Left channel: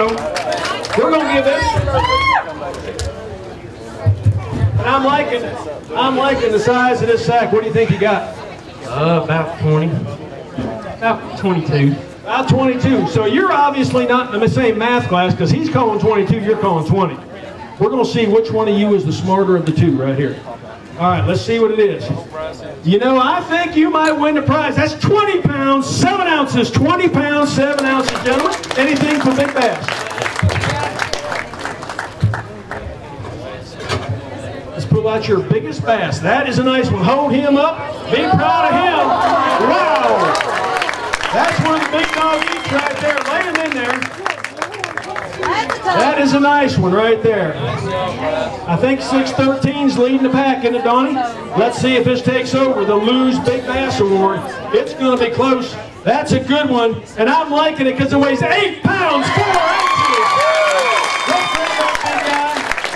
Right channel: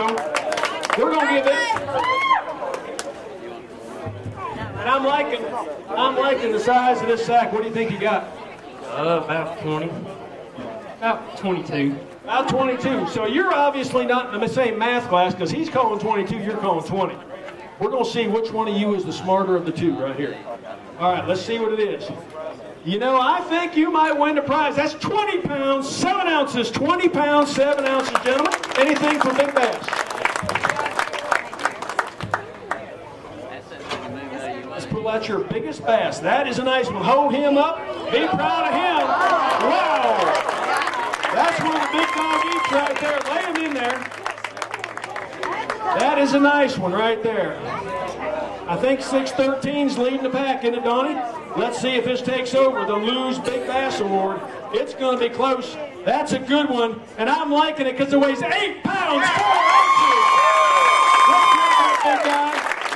so we're going to give this. And I'm liking the size of this sack. What do you think you got? About 20. About 22. About 22. So you're obviously not in the same math class because he's calling 22, you're calling 20. We're going to see which one of you is the smarter of the two right here. All right, let's see what it is. You know, I think you might win the prize. That's 20 pounds, 7 ounces. 20 pounds, 7 ounces, gentlemen. Anything for big bass. Let's pull out your biggest bass. That is a nice one. Hold him up. Be proud of him. Wow. That's one of the big dog eats right there. Lay him in there. That is a nice one right there. I think 613's leading the pack, isn't it, Donnie? Let's see if this takes over the Lou's Big Bass Award. It's going to be close. That's a good one, and I'm liking it because it weighs 8 pounds, 4 ounces.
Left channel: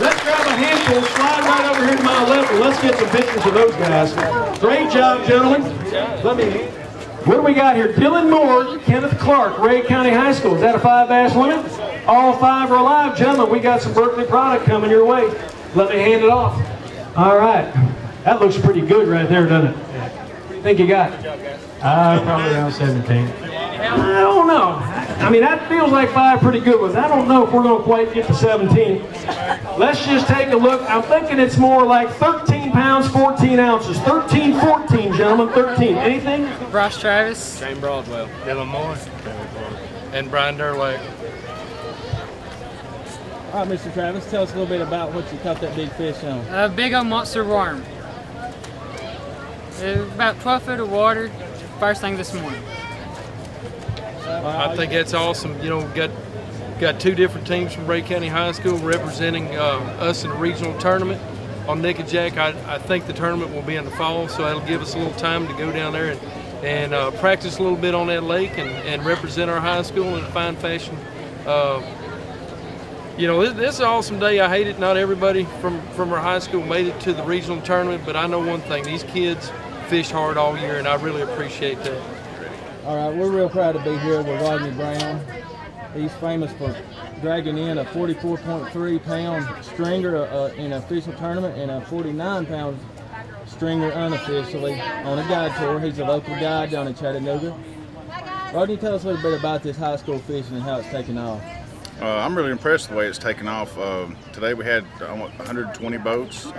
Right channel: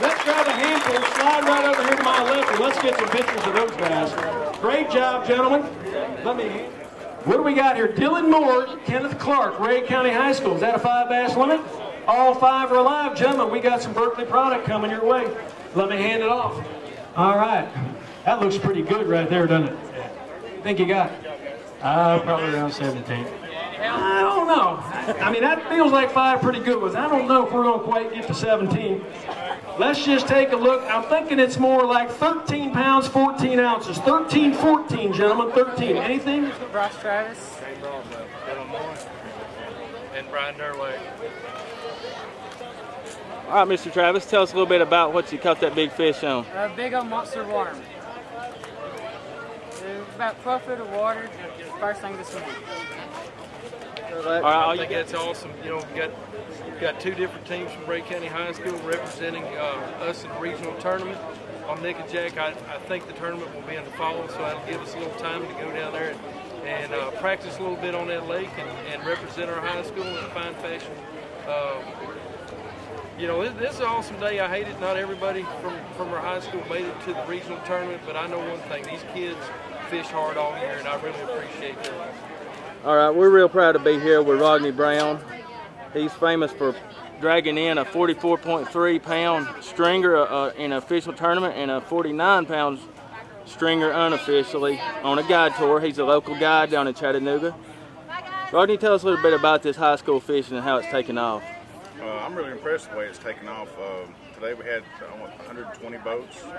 Let's grab a handful, slide right over here to my left, and let's get some pictures of those guys. Great job, gentlemen. What do we got here? Dylan Moore, Kenneth Clark, Ray County High School. Is that a 5 bass limit? All 5 are alive, gentlemen. We got some Berkeley product coming your way. Let me hand it off. All right. That looks pretty good right there, doesn't it? Think you got? Probably around 17. I don't know. I mean, that feels like 5 pretty good ones. I don't know if we're going to quite get to 17. Let's just take a look. I'm thinking it's more like 13 pounds, 14 ounces. 13, 14, gentlemen, 13. Anything? Bryce Travis. Shane Broadwell. Dylan Moore. And Brian Durlake. All right, Mr. Travis, tell us a little bit about what you caught that big fish on. A big old monster worm. It was about 12 feet of water first thing this morning. I think that's awesome. You know, we've got 2 different teams from Ray County High School representing us in a regional tournament on Nick and Jack. I think the tournament will be in the fall, so that'll give us a little time to go down there and practice a little bit on that lake and represent our high school in a fine fashion. You know, this is an awesome day. I hate it. Not everybody from our high school made it to the regional tournament, but I know one thing. These kids fish hard all year, and I really appreciate that. All right, we're real proud to be here with Rodney Brown. He's famous for dragging in a 44.3-pound stringer in an official tournament and a 49-pound stringer unofficially on a guide tour. He's a local guide down in Chattanooga. Rodney, tell us a little bit about this high school fishing and how it's taken off. I'm really impressed with the way it's taken off. Today we had 120 boats.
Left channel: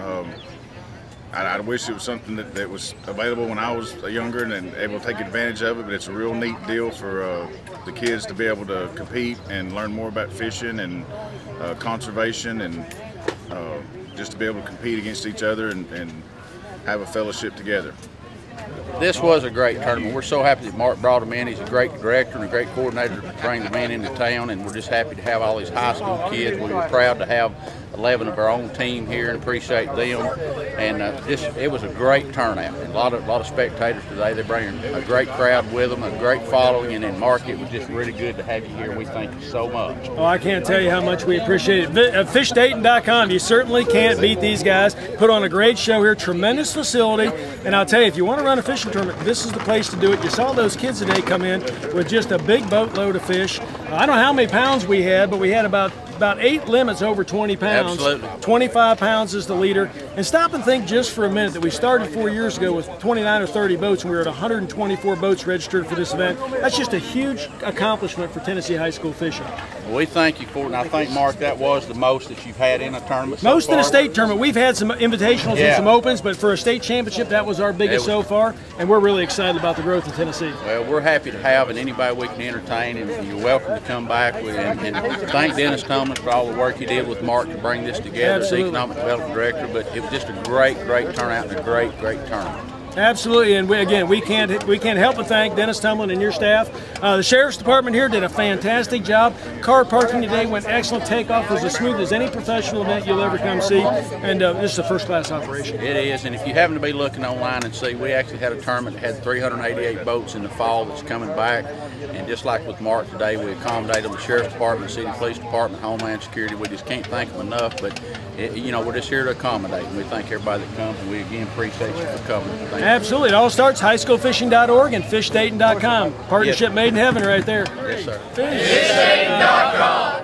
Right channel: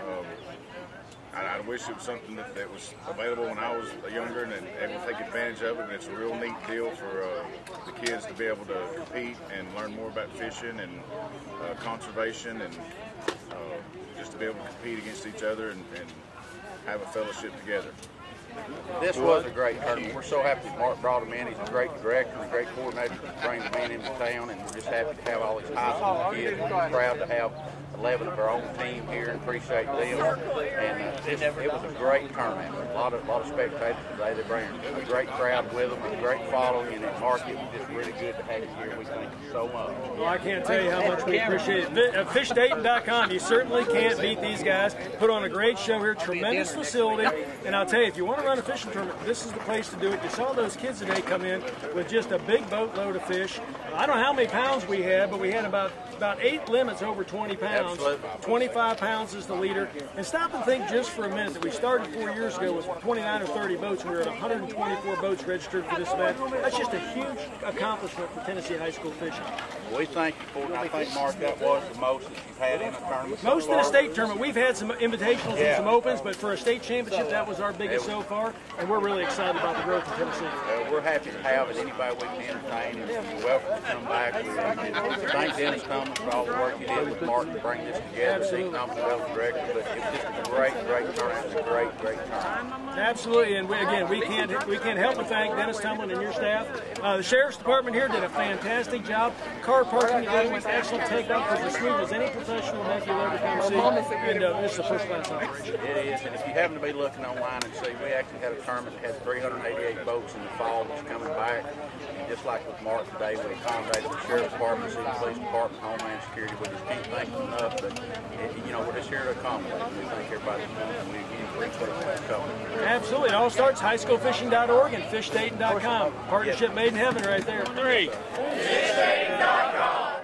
I wish it was something that was available when I was younger and able to take advantage of it, but it's a real neat deal for the kids to be able to compete and learn more about fishing and conservation and just to be able to compete against each other and have a fellowship together. This was a great tournament. We're so happy that Mark brought him in. He's a great director and a great coordinator to bring the men into town, and we're just happy to have all these high school kids. We were proud to have 11 of our own team here and appreciate them. And it was a great turnout. A lot of spectators today. They bring a great crowd with them, a great following, and then Mark, it was just really good to have you here. We thank you so much. Oh, I can't tell you how much we appreciate it. FishDayton.com. You certainly can't beat these guys. Put on a great show here. Tremendous facility. And I'll tell you, if you want to run a fishing tournament, this is the place to do it. You saw those kids today come in with just a big boatload of fish. I don't know how many pounds we had, but we had about 8 limits over 20 pounds. Absolutely. 25 pounds is the leader. And stop and think just for a minute that we started 4 years ago with 29 or 30 boats, and we were at 124 boats registered for this event. That's just a huge accomplishment for Tennessee high school fishing. Well, we thank you for it, and I think, Mark, that was the most that you've had in a tournament so Most far. in a state tournament. We've had some invitationals and some opens, but for a state championship, that was our biggest so far, and we're really excited about the growth of Tennessee. Well, we're happy to have and anybody we can entertain, and you're welcome to come back. And thank Dennis Tumlin for all the work he did with Mark to bring this together, the economic development director, but it was just a great turnout and a great tournament. Absolutely, and we can't help but thank Dennis Tumlin and your staff. The Sheriff's Department here did a fantastic job. Car parking today went excellent. Takeoff was as smooth as any professional event you'll ever come see, and this is a first-class operation. It is, and if you happen to be looking online and see, we actually had a tournament that had 388 boats in the fall that's coming back, and just like with Mark today, we accommodated the Sheriff's Department, City Police Department, Homeland Security. We just can't thank them enough, but we're just here to accommodate, and we thank everybody that comes, and we again appreciate you for coming. Absolutely. It all starts highschoolfishing.org and fishdayton.com. Partnership made in heaven right there. FishDayton.com.